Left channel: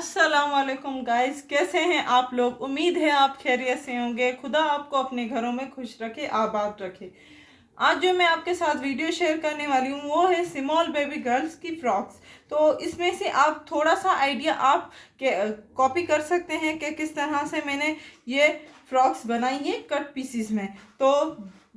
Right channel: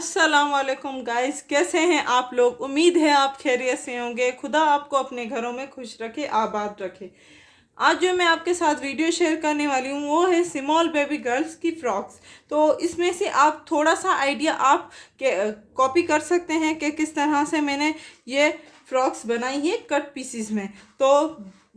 अस्सलाम वालेकुम गाइस, कैसे हैं आप लोग। उम्मीद है आप खैरियत से होंगे। खुदा आपको अपने घरों में खुश रखे, आबाद रखे। आज जो मैं आपके साथ वीडियो शेयर करने वाली हूँ वो है स्मॉल बेबी गर्ल्स की फ्रॉक्स। तो इसमें से आप थोड़ा सा आइडिया आप कॉपी कर सकते हैं कि किस तरह से मैंने ये फ्रॉक्स बनाई है कट पीसीस में। तो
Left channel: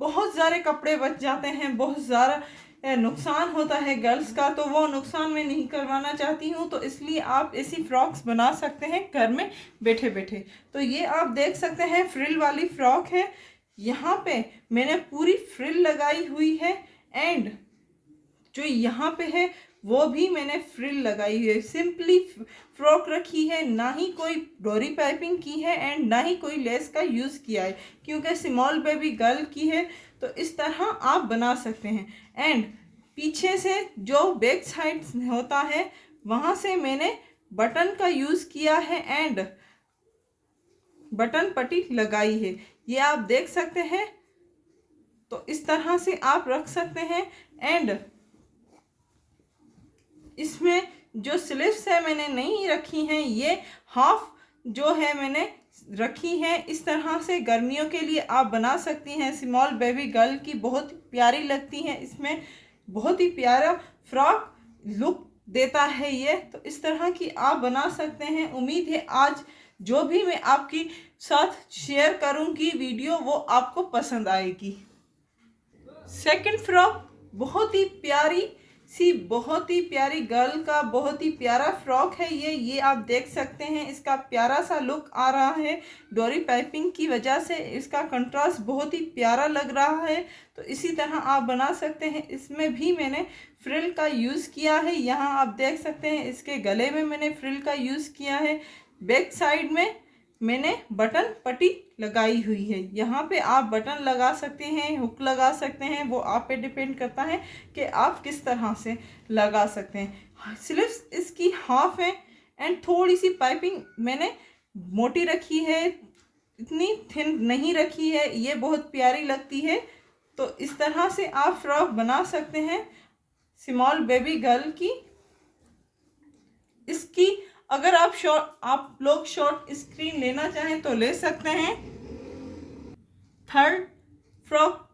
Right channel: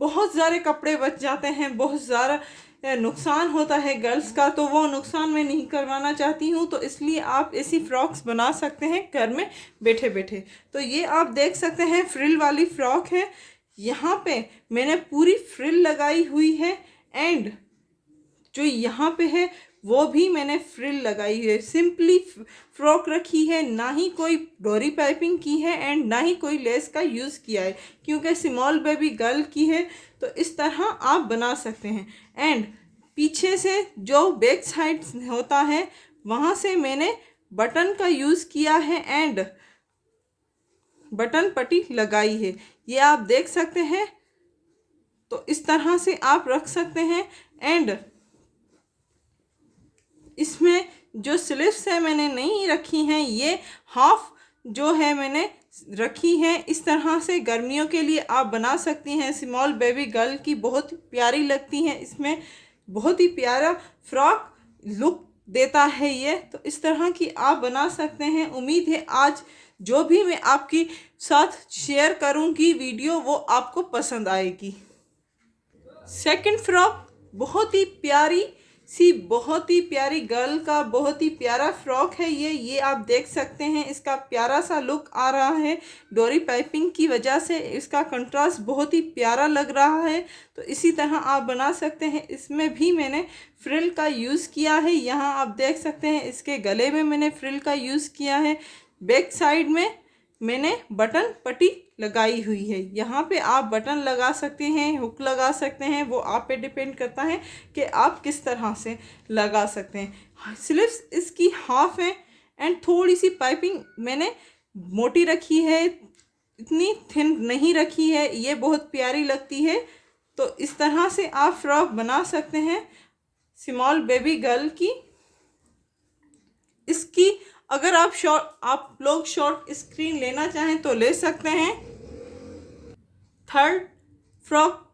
बहुत सारे कपड़े बच जाते हैं, बहुत ज़्यादा नुकसान होता है गर्ल्स का, तो वो नुकसान मैं नहीं करवाना चाहती हूँ। तो इसलिए आप ऐसी फ्रॉक्स बना सकते हैं घर में बैठे बैठे। तो ये आप देख सकते हैं फ्रिल वाली फ्रॉक है। यहाँ पे मैंने पूरी फ्रिल लगाई हुई है एंड जो यहाँ पे है वो भी मैंने फ्रिल लगाई है। सिंपली फ्रॉक रखी है, ना ही कोई डोरी पाइपिंग की है एंड ना ही कोई लेस का यूज़ किया है, क्योंकि स्मॉल बेबी गर्ल की है। तो इस तरह आप बना सकते हैं। एंड पीछे से जो बैक साइड होता है वहाँ से मैंने बटन का यूज़ किया है एंड बटन पट्टी लगाई है, ये आप देख सकते हैं। तो इस तरह से आप रख सकते हैं। एंड इसमें जो स्लीव्स है मैंने नहीं रखी हैं, ये हाफ जो है मैंने रखी है। इस तरह से गर्मियों के लिए आप बना सकती हैं। स्मॉल बेबी गर्ल की बहुत प्यारी लगती हैं, इसमें बहुत ही प्यारा फ्रॉक लुक देता है ये। तो इस तरह की आप बना सकते हैं। उम्मीद है आज जो भी मैं आपके साथ शेयर करूंगी वीडियो वो आपको पसंद आएगी। सेकंड फ्रॉक बहुत ही प्यारी सी, बहुत ही प्यारी गर्ल का बहुत ही प्यारा फ्रॉक है ये आप देख सकते हैं। इसका प्यारा सा लुक आ रहा है, डोरी पाइपिंग की वजह से इसका कंट्रास्ट बहुत ही प्यारा लग रहा है। तो इसी तरह आप बना सकते हैं। इसमें भी मैंने फ्रिल का यूज़ किया है, यहाँ आप देख सकते हैं। इसके गले में मैंने फ्रिल का यूज़ किया है, बैक साइड में मैंने बटन पट्टी लगाई हुई है। यहाँ पे आप बटन लगा सकते हैं, हुक लगा सकते हैं, वो आप पे डिपेंड करता है कि आप किस तरह से लगा सकते हैं। स्लीव्स इसकी हाफ है एंड थोड़ी सी पाइपिंग मैंने मोटी रखी है, इतनी थिन नहीं रखी है, ये बहुत प्यारी लगती है। तो इस तरह से आप फ्रॉक बना सकते हैं स्मॉल बेबी गर्ल की। इसकी अगर आप लोग शॉर्ट स्क्रीन लेना चाहें तो ले सकते हैं। थर्ड फ्रॉक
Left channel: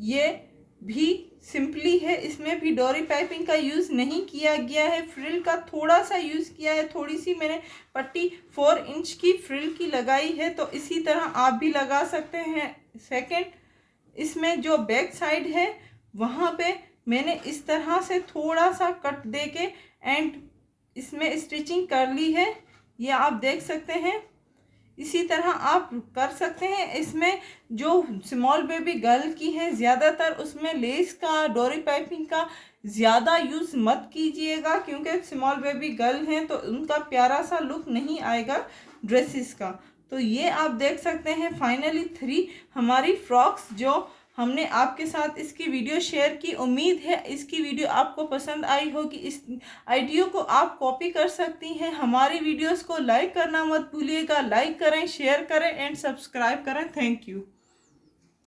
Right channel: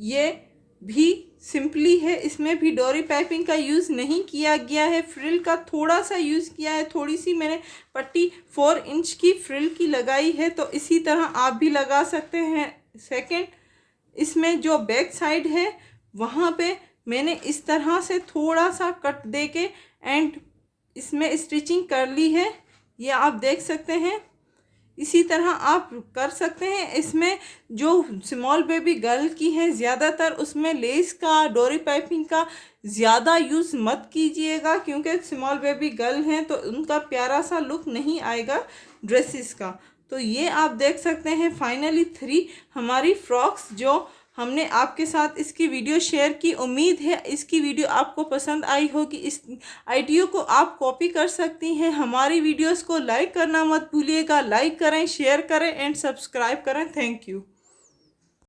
ये भी सिंपली है, इसमें भी डोरी पाइपिंग का यूज़ नहीं किया गया है, फ्रिल का थोड़ा सा यूज़ किया है। थोड़ी सी मैंने पट्टी 4 इंच की फ्रिल की लगाई है, तो इसी तरह आप भी लगा सकते हैं। सेकंड, इसमें जो बैक साइड है वहाँ पे मैंने इस तरह से थोड़ा सा कट दे के एंड इसमें स्टिचिंग कर ली है, ये आप देख सकते हैं। इसी तरह आप कर सकते हैं। इसमें जो स्मॉल बेबी गर्ल की है ज़्यादातर उसमें लेस का, डोरी पाइपिंग का ज़्यादा यूज़ मत कीजिएगा, क्योंकि स्मॉल बेबी गर्ल हैं तो उनका प्यारा सा लुक नहीं आएगा ड्रेसेस का। तो ये आप देख सकते हैं। फाइनली 3 हमारी फ्रॉक्स जो हमने आपके साथ इसकी वीडियो शेयर की। उम्मीद है इसकी वीडियो आपको पसंद आई होगी। इस आइडिया को आप कॉपी कर सकती हैं। हमारी वीडियोस को लाइक करना मत भूलिएगा। लाइक करें, शेयर करें एंड सब्सक्राइब करें। Thank you.